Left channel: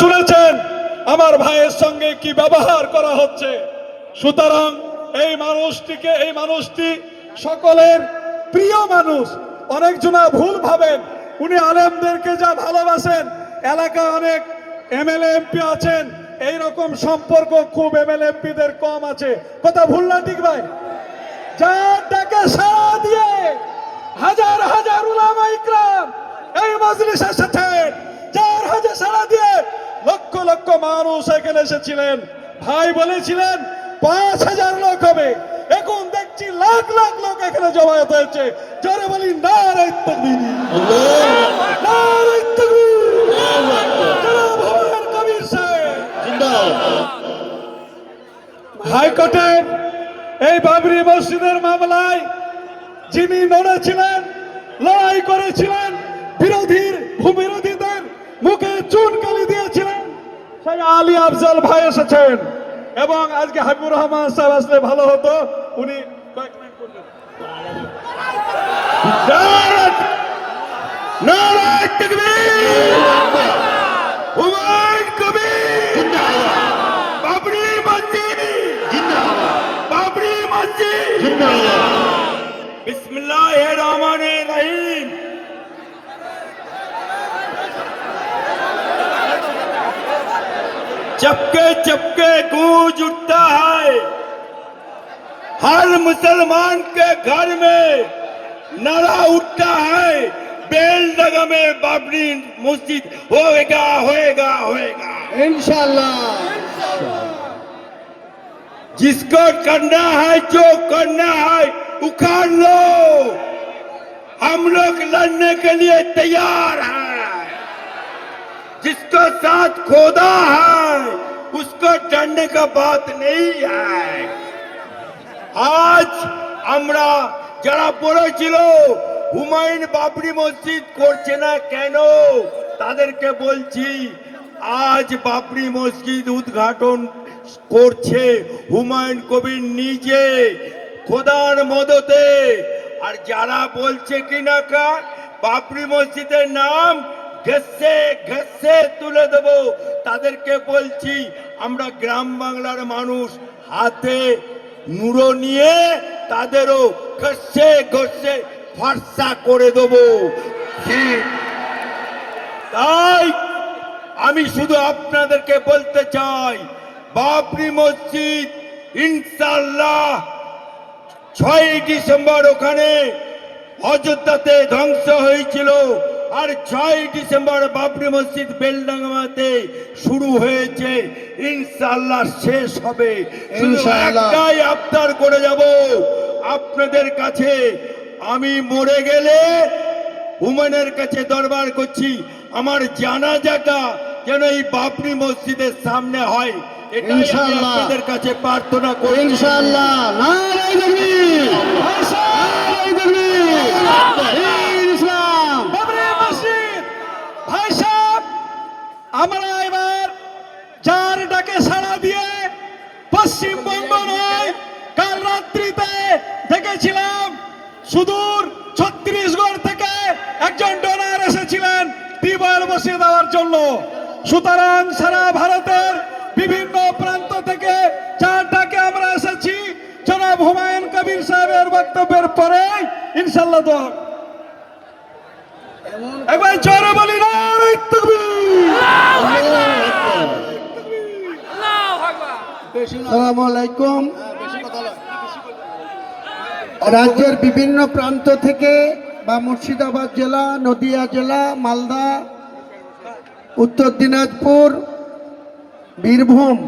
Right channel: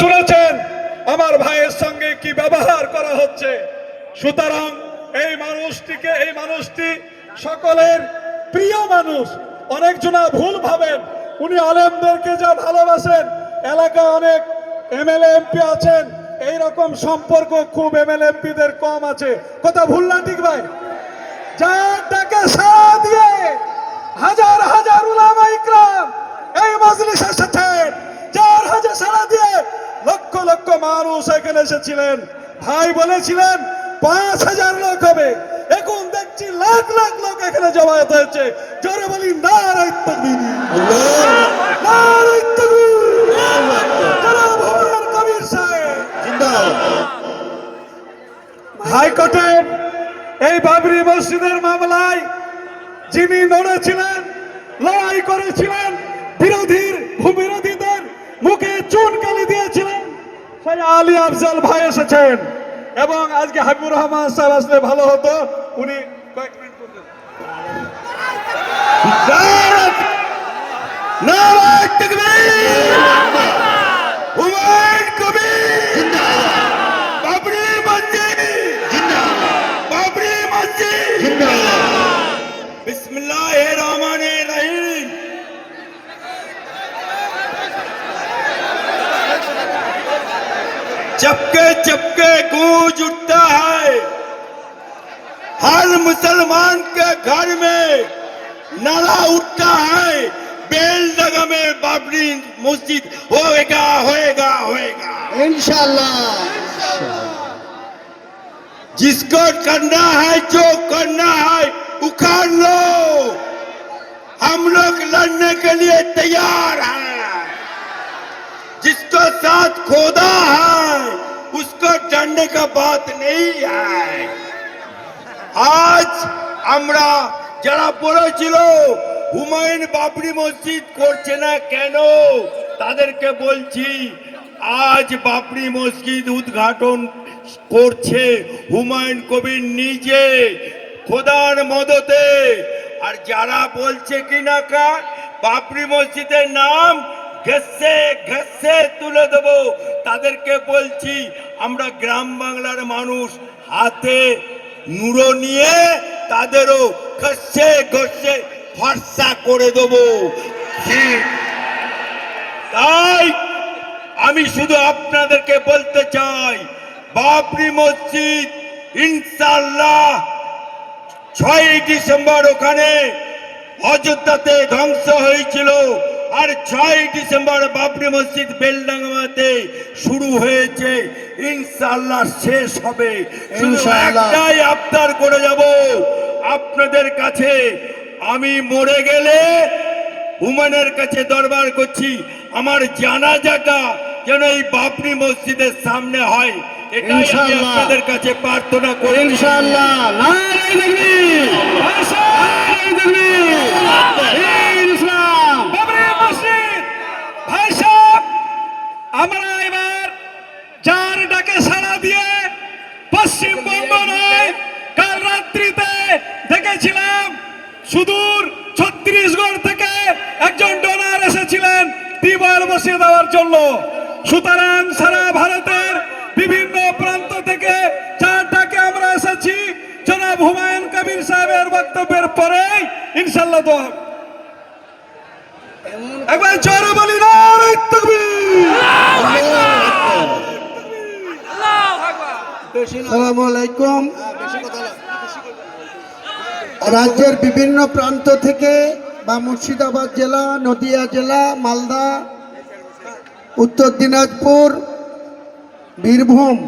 শুনেছেন আমার ভাইয়ের সঙ্গে কি ব্যবহার করা হচ্ছে। সুতরাং এই মানুষটি সকলের প্রিয় মানুষ। অনেকজনা ভুল ভাবেন উনি আলেমদেরকে যা ভালোবাসেন, এলাকায় অনেক এমএলএ এমপি আছেন, এইরকম সম্পর্ক খুব এমএলএ এমপিদের কম আছে। কথা ভুল না ঠিক ভাই? যার ডাকে সাড়া দিয়ে হাজার হাজার উলামা ইকরাম এই মজলিসে এসেছেন, যার হাজে সাড়া দিয়ে লক্ষ লক্ষ মানুষ এখানে এসেছিলেন। ভাই বলেছিলেন 5,000 লোক হবে, এখন দেখছি লাখ লাখ লোক এখানে জমায়েত হয়েছে। জোরে বলি নারে তাকবীর, নারে তাকবীর, জনাব হুমায়ুন কবির সাহেব জিন্দাবাদ। হাইকোর্টের এই বাবরি মসজিদের মামলায় যিনি লড়েছিলেন, লড়াই করেছিলেন, বিরোধীদের মুখে চুনকালি দিয়েছিলেন, সেই আলী আফজাল ভাই এসেছেন। এবং আজকে হাবিবুর রহমান সাহেব আসলে ভালো হতো, উনি কয়েক মিনিট করবেন। নারে তাকবীর, হুমায়ুন কবির জিন্দাবাদ, বাবরি মসজিদ জিন্দাবাদ, বাবরি মসজিদ জিন্দাবাদ। बिस्मिल्लाहिर रहमानिर रहीम। चपके चपके गूंज उठता है, हर मुसलमान के घर में नारा उठता है, बेलडगा में बाबरी मस्जिद होएगा होएगा होएगा इंशाल्लाह। जिसको करना है, जो करना है उखाड़ लो, हम लोग लड़ने के लिए तैयार हैं। जिसको साथ खोदा है उसको डरने का बात नहीं है। आज আমরা যারা বলেছিল হুমায়ুন বাবরি মসজিদ করছে না কেন, তাদেরকে বলছি আজ বাবরি মসজিদ উদ্ঘাটন করছে হুমায়ুন কবির নিজে, খোদার মদতে। আর যারা বলছে কিনা বাবরি মসজিদের নাম ঘেসে ঘেসে তুলে দেব, তাদেরকে বলছি আমরা গ্রাম বাংলার মানুষ, হাতে নুরো নিয়ে তাদেরও ঘষে ঘষে ফর্সা করে দেব। তাই আমি শুধু আপনাদেরকে বলতে চাই, বাবরি মসজিদ ইনশাআল্লাহ 6 ডিসেম্বর ওখানে অযোধ্যাতে ধ্বংস হয়েছিল, আর 6 ডিসেম্বর বাবরি মসজিদ বেলডাঙ্গাতে শুরু হয়েছে, ইনশাআল্লাহ শেষ হবে। শুধু একটাই আবদার করে যাব আপনাদের কাছে, আমি মরে গেলে হুমায়ুনের কাছে দরবার করছি আমার জানাজাটা যেন এই বাবরি মসজিদের সামনে হয়, এটাই আমি আপনাদের কাছে প্রার্থনা করি ইনশাআল্লাহ। নারে তাকবীর, নারে তাকবীর, ইসলাম বাবরি মসজিদ। ভাই সাহেব, আমরা এবার যার ডাকে সাড়া দিয়ে পশ্চিমবঙ্গ নয়, কাল রাত্রিতে দেখেছিলাম সুদূর ছত্তিশগড় থেকে একজন ডোনার এসেছিলেন টিউবওয়েল বসিয়ে দেওয়ার জন্য। সুতরাং সারা ভারতের বিভিন্ন প্রান্ত থেকে যার ডাকে আমরা এসেছি, জনাব হুমায়ুন কবির সাহেবের বক্তব্যের পরে ইনশাআল্লাহ দোয়া। একবার জোরে বলি নারে তাকবীর, আল্লাহু আকবার, আল্লাহু আকবার। আসসালামু আলাইকুম। রাজ্যের বিভিন্ন প্রান্ত থেকে বা মুর্শিদাবাদ জেলা, নদিয়া জেলা, মালদা, উত্তর দিনাজপুর, বীরভূম